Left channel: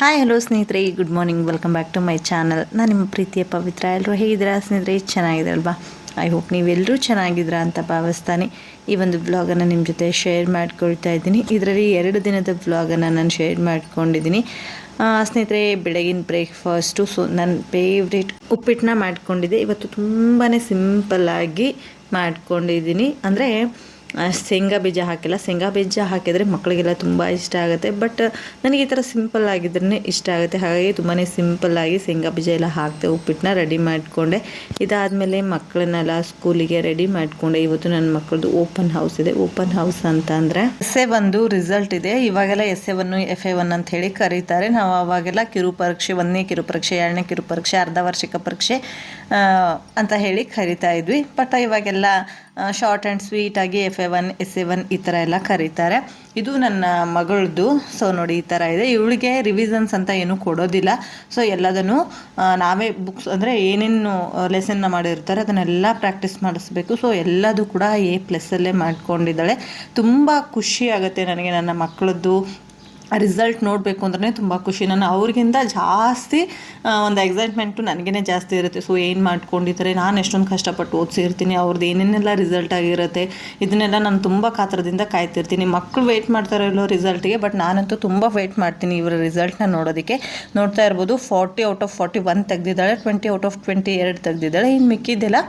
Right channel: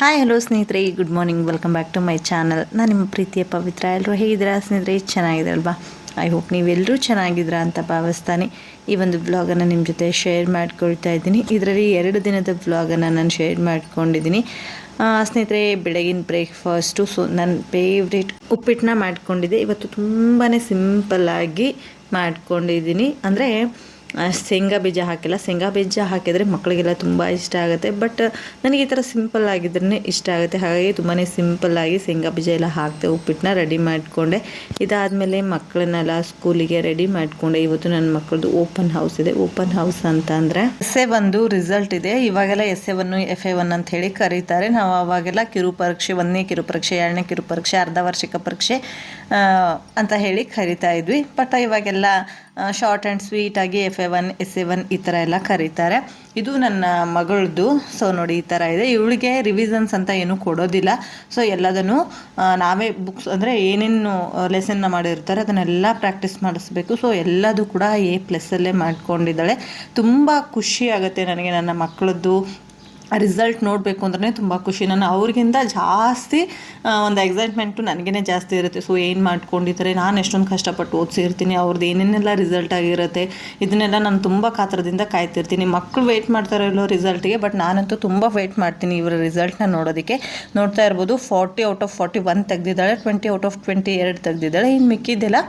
Hi hello ಸ್ನೇಹಿತರೆ. Good morning welcome back to my channel ನಾನು ನಿಮ್ಮ ಪ್ರೀತಿಯ ಪವಿತ್ರ. ಎಲ್ಲರೂ ಹೇಗಿದ್ದೀರಾ ಸ್ನೇಹಿತರೆ? ಚೆನ್ನಾಗಿದ್ರಲ್ವಾ ಐ ಹೋಪ್ ನೀವೆಲ್ಲರೂ ಚೆನ್ನಾಗಿದ್ದೀರಾ ಅಂತ ಭಾವಿಸ್ತಾನೆ ಈ ಒಂದು ಬ್ಲಾಗನ್ನು ನಿಮ್ಮ ಜೊತೆ ಶೇರ್ ಮಾಡ್ಕೊಳ್ತಾ ಇದ್ದೀನಿ. ಇದರಲ್ಲಿ ಎರಡು ದಿನದ ಬ್ಲಾಗನ್ನು ನಾನು ಶೇರ್ ಮಾಡ್ಕೊಂಡಿದ್ದೀನಿ. ಸ್ನೇಹಿತರೆ, ಬೆಳಗಿನ ಬ್ರೇಕ್ಫಾಸ್ಟು ಸೊ ನನ್ನ ಫೇವ್ರೇಟ್ ಉಪ್ಪಿಟ್ಟನ್ನ ಮಾಡ್ಕೊಂಡಿದ್ದೆ. ಇವತ್ತು ತುಂಬಾ ಸಿಂಪಲ್ಲಾಗಿ ಮಾಡ್ಕೊಂಡಿದ್ದೀನಿ. ಅಂದರೆ ಶೇಂಗಾ ಬೀಜ ಹಾಕಿಲ್ಲ. ಶೇಂಗಾ ಬೀಜ ಹಾಕಿದರೆ ಮಕ್ಕಳಿಗೆಲ್ಲ ತುಂಬ ಇಷ್ಟ ಆಗುತ್ತೆ. ಬಟ್ ನನಗೆ ಈ ಥರ ಸಿಂಪಲ್ ಆಗಿದ್ರೇ ಇಷ್ಟ ಆಗುತ್ತೆ. ಹಾಗಾಗಿ ತುಂಬಾ ಸಿಂಪಲ್ಲಾಗಿ ಶೇಂಗಾ ಬೀಜ ಎಲ್ಲ ಹಾಕ್ತೆ ಉಪ್ಪಿಟ್ಟನ್ನ ರೆಡಿ ಮಾಡಿಕೊಂಡೆ. ಇದಾದಮೇಲೆ ಮಕ್ಕಳನ್ನೆಲ್ಲ ಸ್ಕೂಲಿಗೆ ರೆಡಿ ಮಾಡಿಕೊಂಡೆ. ಇವತ್ತು ನನ್ನ ಮಕ್ಕಳದು ಓಪನ್ ಹೌಸ್ ಇದೆ. ಓಪನ್ ಹೌಸ್ ಅಂತ ಅಂದರೆ ಎಸ್ ಎ ಒಂದು ರಿಸಲ್ಟ್ ಇದೆ. ಇವಾಗೆಲ್ಲ S A one F A one ಅಂತ ಹೇಳಿ ಕರೀತಾರೆ. ನಾವು ಅವಾಗೆಲ್ಲ ಕಿರು ಪರೀಕ್ಷೆ, ಒಂದನೇ ಕಿರು ಪರೀಕ್ಷೆ, ಎರಡನೇ ಕಿರು ಪರೀಕ್ಷೆ ಅರ್ಧ ವಾರ್ಷಿಕ ಪರೀಕ್ಷೆ ಅಂತ ಹೇಳಿ ಕರಿತಾ ಇದ್ವಿ. ಬಟ್ ಇವಾಗೆಲ್ಲ short and ಸ್ವೀಟಾಗಿ F A one S A one ಈ ಥರ ಎಲ್ಲ ಕರೀತಾರೆ. ಇದು ನನ್ನ ಮಗಳದ್ದು. ಸೊ ನೋಡಿ ಈ ಥರ ಇದೆ. ಇವಳಿಗೆ ರಿವಿಸನ್ಸ್ ಅಂತ ಏನೂ ಕೊಡೋದಿಲ್ಲ. ಸೊ ಎಲ್ಲದನ್ನು ನಾವೇ ಬುಕ್ಸ್ ಅಂದರೆ ಏನೇನು ಲೆಸನ್ನ ಮಾಡಿರ್ತಾರೆ, ಅದನ್ನೆಲ್ಲ ಪ್ರಾಕ್ಟೀಸ್ ಮಾಡಿಸ್ಬೇಕು. ಸೊ ಎಲ್ಲದೂ ಕೂಡ ಎ ಪ್ಲಸ್ಸಲ್ಲೇ ಮಾಡ್ಕೊಂಡಿದ್ದಾಳೆ. ತುಂಬ ಖುಷಿ ಆಗುತ್ತೆ ನನಗೆ ನನ್ನ ಮಕ್ಕಳದ್ದು ರಿಸಲ್ಟ್ ನೋಡಬೇಕು ಅಂದ್ರೆ ತುಂಬ ಖುಷಿ. ನಾನು ಅವ್ರಿಗಿಂತ ಜಾಸ್ತಿ ಒಂದು ಎಕ್ಸೈಟ್ಮೆಂಟು ನನಗೇ ಜಾಸ್ತಿ ಇರುತ್ತೆ. ಸೊ ಏನು ಮಾಡ್ಕೊಂಡಿದ್ದಾರೆ? ನಾನು ಎಷ್ಟೊಂದು ಕಷ್ಟಪಟ್ಟು ಓದಿಸಿರ್ತೀನಿ. ಅವ್ರದ್ದು ಏನೇನೆಲ್ಲ ರಿಸಲ್ಟ್ ಆಗಿರುತ್ತೆ? ಇದನ್ನೆಲ್ಲ ನಾನು ತುಂಬ ಕಾತರದಿಂದ ಕಾಯ್ತಿರ್ತೀನಿ. ಮಕ್ಕಳು ವೆಯ್ಟ್ ಮಾಡ್ತಾರೆ ಇಲ್ಲೋ ರಿಸಲ್ಟ್ಗೆ ಬಟ್ ನಾನಂತೂ ತುಂಬ ವೆಯ್ಟ್ ಮಾಡ್ತೀನಿ ಇವರ ರಿಸಲ್ಟ್ನ ನೋಡೋದಕ್ಕೆ. ನೋಡ್ತಾ ಇರ್ಬೋದು forty out of forty one ತೆಗೆದಿದ್ದಾಳೆ twenty out of twenty ಎರಡು ತೆಗೆದಿದ್ದಾಳೆ. ಇನ್ನು ಮಿಕ್ಕಿದ್ದೆಲ್ಲ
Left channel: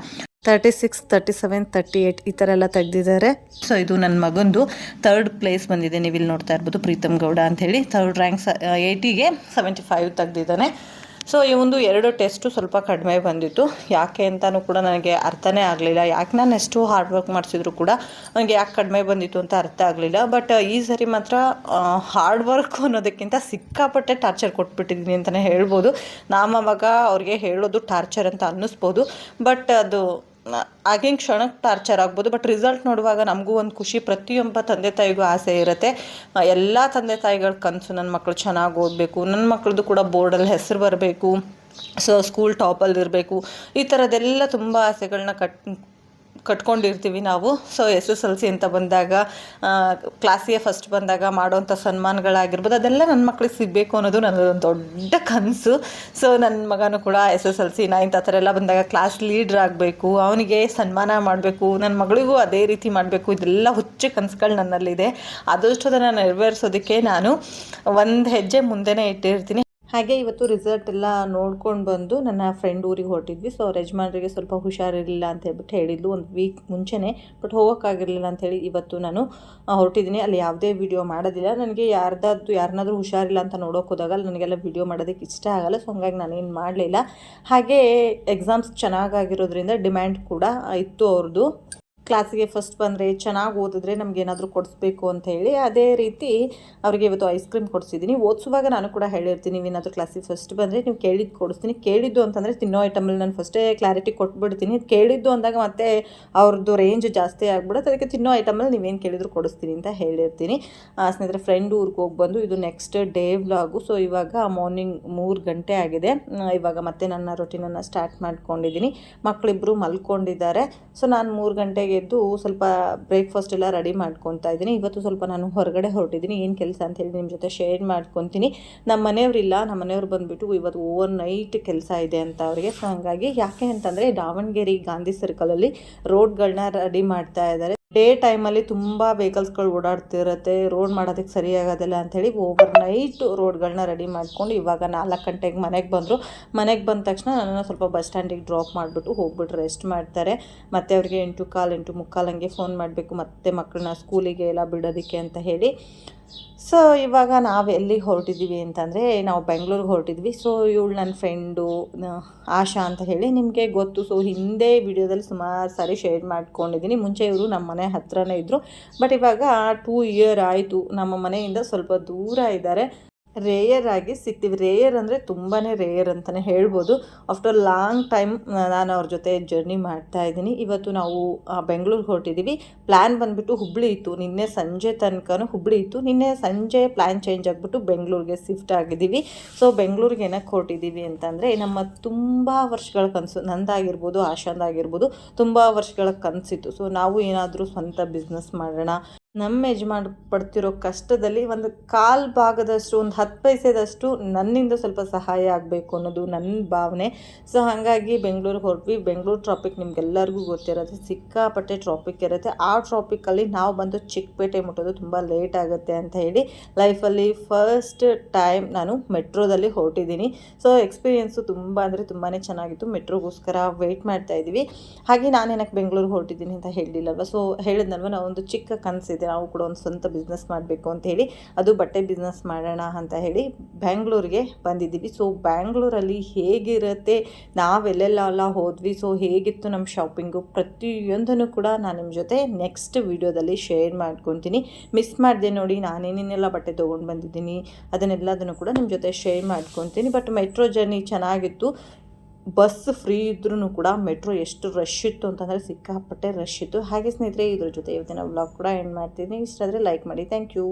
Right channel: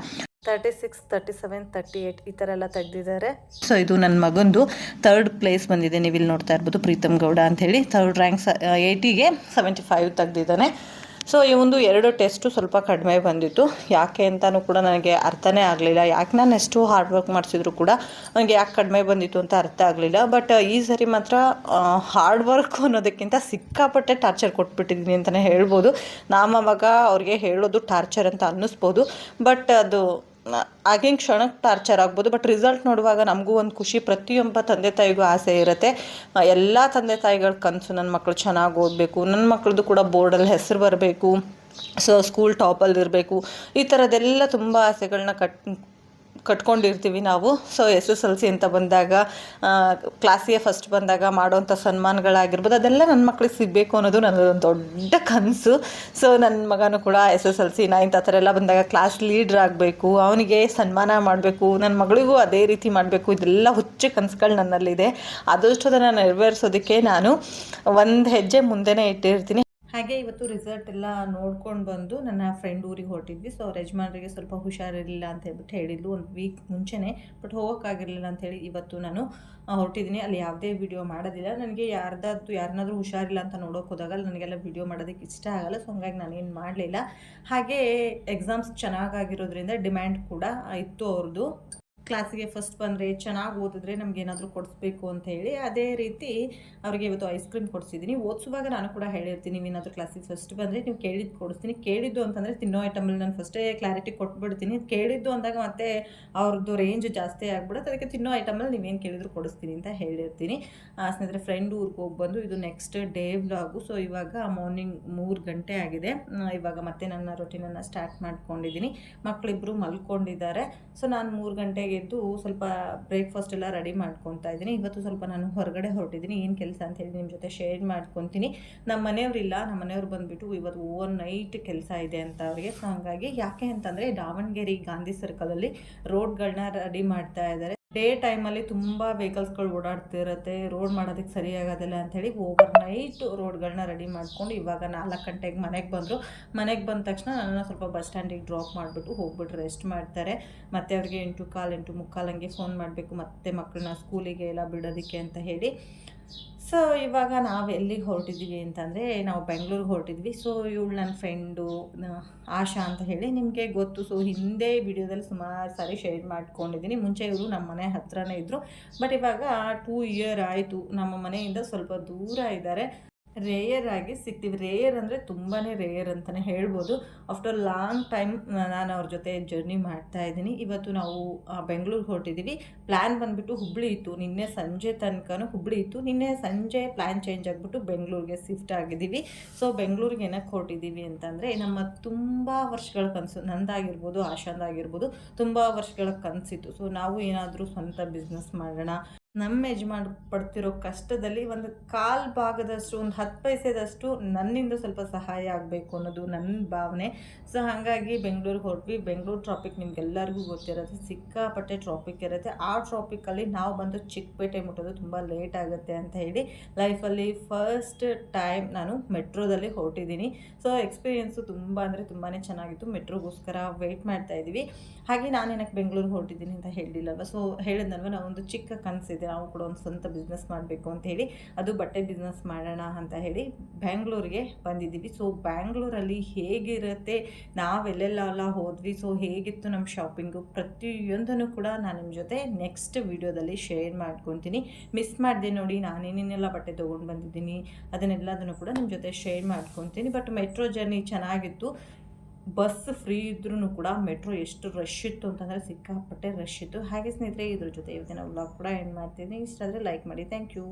thirty six thirty seven thirty eight ಈ ಥರ ಎಲ್ಲ ತೆಗೆದಿದ್ದಾರೆ. ಸೊ ಇದು ನನ್ನ ಮಗಂದು ತರ್ಡ್ ಪ್ಲೇಸ್ ಬಂದಿದೆ. ನೀವು ಇಲ್ಲಿ ನೋಡ್ತಾ ಇರ್ಬೋದು ಪ್ರೀತಮ್ ಗೌಡ ಅಂಥೇಳಿ ತರ್ಡ್ ರ್ಯಾಂಕ್ಸ್ ಏಯ್ಟಿಗೆ ಸೆವೆಂಟಿ ಫೈವ್ ತೆಗೆದಿದ್ದಾನೆ. ಸೊ ಈ ಒಂದು ಎರಡು ಟೆಸ್ಟು ಸ್ವಲ್ಪ ಕಡಿಮೆ ಬಂದಿತ್ತು. ಯಾಕೆ ಅಂತಲೂ ಕೂಡ ನನಗೆ ಅರ್ಥನೇ ಆಗಲಿಲ್ಲ. ಯಾಕೆ ನಾನು ಎಷ್ಟು ಹಾರ್ಡ್ ವರ್ಕ್ ಮಾಡಿಸಿದ್ರು ಕೂಡ ನನಗೆ ಯಾಕೆ ಕಡಿಮೆ ಬಂದಿತ್ತು ಅಂತ ಅರ್ಥ ಆಗಲಿಲ್ಲ. ಬಟ್ ಈ ಸರಿ ಮಾತ್ರ ಹಾರ್ಡ್ ವರ್ಕ್ ಅನ್ನೋದಕ್ಕಿಂತ ಸಿಕ್ಕಾಪಟ್ಟೆ ಟಾರ್ಚರ್ ಕೊಟ್ಬಿಟ್ಟಿದ್ದೀನಿ ಅಂತಲೇ ಹೇಳ್ಬೋದು. ನಮ್ಮ ಮಗ ಅವ್ರಿಗೆ ಹೇಳೋದು ಟಾರ್ಚರ್ ಅಂತ ಅನ್ನಿಸ್ಬೋದು. ಬಟ್ ಅದು ಆಗಿನ ಕ್ಷಣಕ್ಕೆ ಟಾರ್ಚರ್ ಆಗ್ಬೋದು ಬಟ್ ರಿಸಲ್ಟ್ ನೋಡುವಾಗ ನಮಗೂ ಒಂದು ಖುಷಿ, ಪ್ರತಿಯೊಬ್ಬ ತಂದೆ ತಾಯಿಗೂ ಆಸೆ ಇರುತ್ತೆ. ಎಲ್ಲ ತಂದೆ ತಾಯಿಗಳ ಕನಸು ನನ್ನ ಮಕ್ಕಳು ಚೆನ್ನಾಗಿ ಓದಬೇಕು ನನ್ನ ಮಕ್ಕಳದು ಕೂಡ ಬೋರ್ಡಲ್ಲಿ ಹೆಸರು ಬರಬೇಕು, ಸೊ ಸ್ಕೂಲ್ ಟಾಪಲ್ಲಿ ಇರಬೇಕು, ಈ ಥರದ್ದೆಲ್ಲ ತುಂಬ ಆಸೆಗಳನ್ನ ಕಟ್ ಕಟ್ಕೊಂಡಿರ್ತೀವಿ ನಾವು. So S S L C ಅಂತ ಬಂದಾಗ ಕ್ಲಾಸಿಗೆ ಫಸ್ಟ್ ಬಂದಾಗ ಮಾಡೋವಂಥ ಸನ್ಮಾನಗಳಾಗಿರ್ಬೋದು, ಅದೆಲ್ಲ ನನ್ನ ಮಕ್ಳಿಗೆ ಸಿಗಬೇಕು ಅನ್ನೋದು ನನ್ನದೊಂದು ದೊಡ್ಡ ಕನಸು. ಸೊ ನನ್ನ ಮಗನೂ ಕೂಡ S S L C ninth ಆ ಥರ ಎಲ್ಲ ಬಂದಾಗ ಕ್ಲಾಸ್ ಲೀಡ್ರ್ ಆಗಬೇಕು, ಅವನಿಗೆ ಸನ್ಮಾನ ಮಾಡಬೇಕು ನನ್ನ ಮಗಳಿಗೂ ಅದೇ ರೀತಿ ಮಾಡಬೇಕು, ಇದೆಲ್ಲ ಹುಚ್ಚು ಕನಸುಗಳು ನನ್ನಲ್ಲಿದೆ. ಆದಷ್ಟು ಅದನ್ನು ನೆರವೇರಿಸೋದಕ್ಕೆ ನಾನು ಒಂದು ಹೆಜ್ಜೆ ಮುಂದೆನೇ ಇಟ್ಟಿರ್ತೀನಿ. ಹಾಗೆ ಇವತ್ತು ರಿಸಲ್ಟ್ ಎಲ್ಲ ನೋಡ್ಕೊಂಡು ಬಂದು ನನ್ನ ಫ್ರೆಂಡ್ ಊರಿಗೆ ಹೊರಟಿದ್ವಿ. ಸೊ ಅವ್ರ ಯಜಮಾನ್ರಿಗೆ ಸ್ವಲ್ಪ ಹುಷಾರಿರಲಿಲ್ಲ ಅಂತ ಹೇಳ್ಬಿಟ್ಟು ಹೇಳಿದ್ಲು. ಒಂದು ವೀಕ್ ಮುಂಚೆನೇ ಬಟ್ ಹೋಗೋಕ್ಕಾಗಿರಲಿಲ್ಲ ಅಂಥೇಳಿ ಇವತ್ತು ನಾನು ಹೊರಟಿದ್ದೀನಿ. ಅಲ್ಲಿ ಯಾವುದೇ ವಿಡಿಯೋ ಮಾಡೋದಿಲ್ಲ. ನನಗೆ ಯಾರ್ದಾದ್ದು ಯಾರನ್ನಾದ್ರೂ ಹುಷಾರಿಲ್ಲ ಅಂತ ನೋಡೋಕೆ ಹೋದಾಗ ನನಗೆಲ್ಲ ವಿಡಿಯೋ ಮಾಡೋದಕ್ಕೆ ಇಷ್ಟ ಆಗಲ್ಲ. ಸೊ ಹಂಗಾಗಿ ನಾನೇನು ಮಾಡಲಿಲ್ಲ. ಹಾಗೆ ಎಕ್ಸಾಮ್ಸ್ ಚೆನ್ನಾಗಾಗಿರೋದ್ರಿಂದ ಡಿಮ್ಯಾಂಡ್ ಕೂಡ ಇತ್ತು ಅವ್ರದ್ದು ಕ್ಲಾಸಿಗೆ ಫಸ್ಟ್ ಬಂದರೆ ಚೆನ್ನಾಗಿ ಓದಿದ್ರೆ ನಮ್ಗೆ ಏನಾದರೂ ಕೊಡಿಸ್ಬೇಕು ಅಂತ ಹೇಳಿ ಅದೇ ರೀತಿ ಅವರಿಗೆ ಇವತ್ತು ಐಸ್ ಕ್ರೀಮ್ ಕೊಡಿಸಿದ್ದೀನಿ. ಓದಿಸುವಾಗ ನಾನು ಕೂಡ ಹೇಳಿರ್ತೀನಿ ನೀವೇನಾದರೂ ಕ್ಲಾಸಿಗೆ ಫಸ್ಟ್ ಬಂದರೆ ನೀವು ಕೇಳಿದ್ದು ಕೊಡಿಸ್ತೀನಿ. ಕೇಳಿದ್ದು ಅಂತಂದರೆ ತಿನ್ನೋ ಐಟಮಲ್ಲಿ ನಾನು ಫಸ್ಟೇ ಕ್ಲಾರಿಟಿ ಕೊಟ್ಬಿಡ್ತೀನಿ. ಕೇಳಿದ್ದು ಅಂದಾಗ ಮತ್ತೆ ಅವ್ರದ್ದು ರೇಂಜ್ ಜಾಸ್ತಿ ಆಗ್ಬಿಡುತ್ತೆ. ಅದಕ್ಕೆ ತಿನ್ನೋ ಐಟಮಲ್ಲಿ ನೀವೇನು ಕೇಳಿದ್ರು ಕೊಡಿಸ್ತೀನಿ ಅಂತ ಹೇಳಿರ್ತೀನಿ. ಸ್ನೇಹಿತರೆ ಫ್ರೆಂಡ್ ಊರಿಗೆ ಹೋಗಿ ಬಂದು ಇದು ನೆಕ್ಸ್ಟ್ ಡೇ ವ್ಲಾಗು ಸೊ ಇವಾಗ ಮಾರ್ನಿಂಗ್ ಮೂರು ಗಂಟೆ ಆಗಿದೆ. ಇವಾಗ ಮತ್ತೆ ನನ್ನ ರೊಟೀನನ್ನು ಸ್ಟಾರ್ಟ್ ಮಾಡ್ಕೊಂಡಿದ್ದೀನಿ. ಮಕ್ಕಳಿಬ್ಬರು ಮಲ್ಕೊಂಡಿದ್ದಾರೆ. ಸೊ ನಾನು ಮೂರು ಗಂಟೆಗೆ ಎದ್ದು ಸ್ವಲ್ಪ ಬ್ರೇಕ್ಫಾಸ್ಟ್ ಎಲ್ಲ ರೆಡಿ ಮಾಡ್ಕೊತಾ ಇದ್ದೀನಿ. ಇವತ್ತು ಸ್ವಲ್ಪ ನಾನು ಹೊರಗಡೆ ಹೊರಟಿದ್ದೀನಿ. ಏನು ಕೆಲಸ ಅಂತ ಹೇಳಿ ನಿಮ್ಮ ಜೊತೆ ಶೇರ್ ಮಾಡ್ಕೊತೀನಿ. ನಮ್ಮ ಮನೆಯವರಿಲ್ಲ. ನಮ್ಮ ಮನೆಯವ್ರು ಬಂದುಬಿಟ್ಟು ಇವತ್ತು ಓವರ್ ನೈಟ್ ಕೆಲಸ ಇದೆ ಅಂತ ಅವರಿಗೆ. ಸೊ ಹಾಗಾಗಿ ಯಾಕೆ ಅಂತಂದರೆ, ದಾವಣಗೆರೆ ಗಾಂಧಿ ಸರ್ಕಲಲ್ಲಿ ರೋಡ್ಗಳನ್ನ ರೆಡಿ ಮಾಡ್ತಾ ಇದ್ದಾರೆ. ಡೇ ಟೈಮಲ್ಲಿ ತುಂಬ ವೆಹಿಕಲ್ಸ್ಗಳು ಓಡಾಡ್ತಿರುತ್ತೆ ರೋಡ್ ಮಾಡೋದಕ್ಕೆ ಸರಿಯಾಗೋದಿಲ್ಲ ಅಂಥೇಳಿ ಓವರ್ ನೈಟ್ ರೋಡ್ಗಳನ್ನ ರೆಡಿ ಮಾಡ್ಕೊಂಡು ಇವಾಗ ನಾಲ್ಕು ಗಂಟೆಗೆ ಮನೆಗೆ ಬಂದರು. ಮನೆಗೆ ಬಂದ ತಕ್ಷಣ ನನ್ನನ್ನು ಸ್ವಲ್ಪ ಬಸ್ ಸ್ಟ್ಯಾಂಡಿಗೆ ಡ್ರಾಪ್ ಮಾಡಿಬಿಟ್ಟು ಹೋಗ್ಬಿಟ್ಟು ರೆಸ್ಟ್ ಮಾಡ್ತಾರೆ. ಮತ್ತು ಅವ್ರಿಗೆ ಎಂಟು ಕಾಲು, ಎಂಟು ಮುಕ್ಕಾಲು ಹಂಗೆ ಫೋನ್ ಮಾಡಬೇಕು, ಮತ್ತೆ ಮಕ್ಕಳನ್ನ ಸ್ಕೂಲಿಗೆ ಎಲ್ಲ ಬಿಡೋದಕ್ಕೆ ಅಂತ ಹೇಳಿ ಸೊ ಇವಾಗ ನಾವು ಎಲ್ಲಿಗೆ ಹೊರಟಿದ್ದೀವಿ ಅಂತಂದರೆ, ನಾವು ಬೆಂಗಳೂರಿಗೆ ಹೊರಟಿದ್ವಿ. ಸೊ ಇವಳು ನನ್ನ ಫ್ರೆಂಡು ಆಶಾ ಅಂತ ಹೇಳಿ ನಿಮಗೆ ಗೊತ್ತು. ಸೊ ಹಿಂದೆ ವಿಡಿಯೋದಲ್ಲಿ ಸುಮಾರು ಸಾರಿ ಶೇರ್ ಮಾಡ್ಕೊಂಡಿದ್ದೀನಿ. ಮುಂಚೆ ಇವರು ನಮ್ಮ ಮನೆ ಹತ್ರನೇ ಇದ್ದರು ಬಟ್ ಇವಾಗ ಟೂ ಇಯರ್ ಆಯಿತು. ನಮ್ಮ ಮನೆಯಿಂದ ಸ್ವಲ್ಪ ದೂರ ಇದ್ದಾರೆ. ರೇಯರ್ ಆಗಿ ಸಿಗ್ತೀವಿ. ರೇಯರ್ ಅಂದರೆ ತುಂಬಾ ರೇಯರ್ ಅಂತಲೇ ಹೇಳ್ಬೋದು. ಆಫ್ಟರ್ ಲಾಂಗ್ ಟೈಮ್ ನಾನು ಅವ್ರ ಜೊತೆ ಜರ್ನಿ ಮಾಡ್ತಾ ಇದ್ದೀನಿ. ಇವತ್ತು ನಾವು ಬೆಂಗಳೂರಿಗೆ ಹೊರಟಿದ್ದೀವಿ ಪ್ಲ್ಯಾನ್ ಬಂದುಬಿಟ್ಟು ಹುಬ್ಳಿ ಇತ್ತು. ನಿನ್ನೆ ಸಂಜೆ ತನಕನೂ ಹುಬ್ಳಿ ಇತ್ತು. ನಿನ್ನೆ ಸಂಜೆ ಪ್ಲ್ಯಾನ್ ಚೇಂಜ್ ಆಗಿಬಿಟ್ಟು ಬೆಂಗಳೂರಿಗೆ ಶಿಫ್ಟ್ ಆಗಿದ್ದೀವಿ. ಸೊ ಬೆಂಗಳೂರಿಗೆ ಏನಕ್ಕೆ ಹೊರಟಿದ್ದೀವಿ ಅಂತಂದರೆ, ನಮ್ಮ ತುಂಬ ವರ್ಷಗಳ ಕನಸು, ನಂದಾಗಿರ್ಬೋದು, ಆಶಾಂದಾಗಿರ್ಬೋದು, ತುಂಬ ವರ್ಷಗಳ ಕನಸಿತ್ತು. ಸೊ ನಾವು ಏನಾದರೂ ಸ್ವಂತ ಬಿಸ್ನೆಸ್ ಮಾಡೋಣ ನಮ್ಮ ಯಜಮಾನ್ ಪಡ್ತಿರೋ ಕಷ್ಟದಲ್ಲಿ ಒಂದು ಕಾಲು ಭಾಗದಷ್ಟು, ಒಂದು ಹತ್ತು ಪೈಸೆದಷ್ಟು ನನ್ನಿಂದ ಸ್ವಲ್ಪ ಸಹಾಯ ಆಗಬೇಕು ಅನ್ನೋದು ನನ್ನ ಭಾವನೆ. ಸೊ ಹಾಗಾಗಿ ಬೆಂಗಳೂರಿಗೆ ಹೊರಟ್ವಿ. ಬೆಂಗಳೂರು ಟ್ರಾಪಿಕ್ ನಿಮ್ಗೆಲ್ಲರಿಗೂ ಗೊತ್ತಿರುತ್ತೆ. ಸಿಕ್ಕಾಪಟ್ಟೆ ಟ್ರಾಪಿಕ್ ಇರುತ್ತೆ. ಆ ಟ್ರಾಫಿಕ್ಕಲ್ಲಿ ನಾವು ಬಂದು ಚಿಕ್ಕಪೇಟೆ ಮುಟ್ಟೋದು ತುಂಬ ಲೇಟ್ ಆಗುತ್ತೆ ಅಂತ ಹೇಳಿ ಲೈಫಲ್ಲಿ ಫಸ್ಟ್ ಟೈಮ್ ನಾನು ಮೆಟ್ರೋದಲ್ಲಿ ಹೊರಟಿದ್ದೀನಿ. ಸೊ ಎಕ್ಸ್ಪೀರಿಯೆನ್ಸು ತುಂಬ ಅಂದರೆ ತುಂಬಾ ಚೆನ್ನಾಗಿತ್ತು. ಮೆಟ್ರೋಗೋಸ್ಕರ ವೆಯ್ಟ್ ಮಾಡ್ತಾ ಇದ್ದೀವಿ. ಹಾಗೆ ನಾನು ಏನಕ್ಕೆ ಬೆಂಗಳೂರು ಹೊರಟಿದ್ದೀನಿ ಅಂತ ಹೇಳಿಲ್ಲಲ್ವ? ಸೊ ಹೇಳಿದ್ನಲ್ವ? ನಾವು ಒಂದು ಚಿಕ್ಕ ಕನಸಿದೆ ನಾವು ಕೂಡ ಒಂದು ಸ್ವಂತ ಬಿಸ್ನೆಸ್ ಮಾಡಬೇಕು ಅಂತ ಹೇಳಿ ಅದು ಬಟ್ಟೆ ಬಿಸ್ನೆಸ್ ಮಾಡೋಣ ಅಂತ ಹೇಳಿ ಬ್ಯಾಂಗ್ಳೂರಿಗೆ ಬಂದಿದ್ದೀವಿ. ಸೊ ಬ್ಯಾಂಗ್ಳೂರಲ್ಲಿ ಹೇಗಿರುತ್ತೆ ನಾವೆಲ್ಲೆಲ್ಲ ಹೋದ್ವಿ ಸೊ ಹೇಗಿತ್ತು ನಮ್ಮ ಶಾಪಿಂಗು ಪ್ರತಿಯೊಂದನ್ನು ಕೂಡ ನಾನು ನಿಮ್ಮ ಜೊತೆ ನೆಕ್ಸ್ಟ್ ವೀಡಿಯೋದಲ್ಲಿ ಶೇರ್ ಮಾಡ್ಕೊತೀನಿ. ಮಿಸ್ ಮಾಡಿದೆ ನೋಡಿ ನಾನೇನೇನೆಲ್ಲ ಬಟ್ಟೆ ತೊಗೊಂಡು ಬಂದಿದ್ದೀನಿ ಅದನ್ನೆಲ್ಲದನ್ನು ಕೂಡ ನಿಮ್ಮ ಜೊತೆ ಶೇರ್ ಮಾಡ್ಕೊತೀನಿ. ಬಟ್ ಮೆಟ್ರೋ ಜರ್ನಿ ಚೆನ್ನಾಗಿತ್ತು. ಬಸ್ ಫ್ರೀ ಇದ್ರೂ ಕೂಡ ಮೆಟ್ರೋ ಎಷ್ಟು ರಶ್ ಇತ್ತು ಅಂತಂದರೆ ಸಿಕ್ಕಾಪಟ್ಟೆ ರಶ್ ಇತ್ತು. ಹಾಗೆ ಸ್ನೇಹಿತರೆ, ಇದ್ರ ಜೊತೆ ಇವತ್ತಿನ ವ್ಲಾಗ್ ಕೂಡ ಎಂಡ್ ಮಾಡ್ತೀನಿ. ಇಷ್ಟ ಆದರೆ ಲೈಕ್ ಮಾಡಿ. Thank you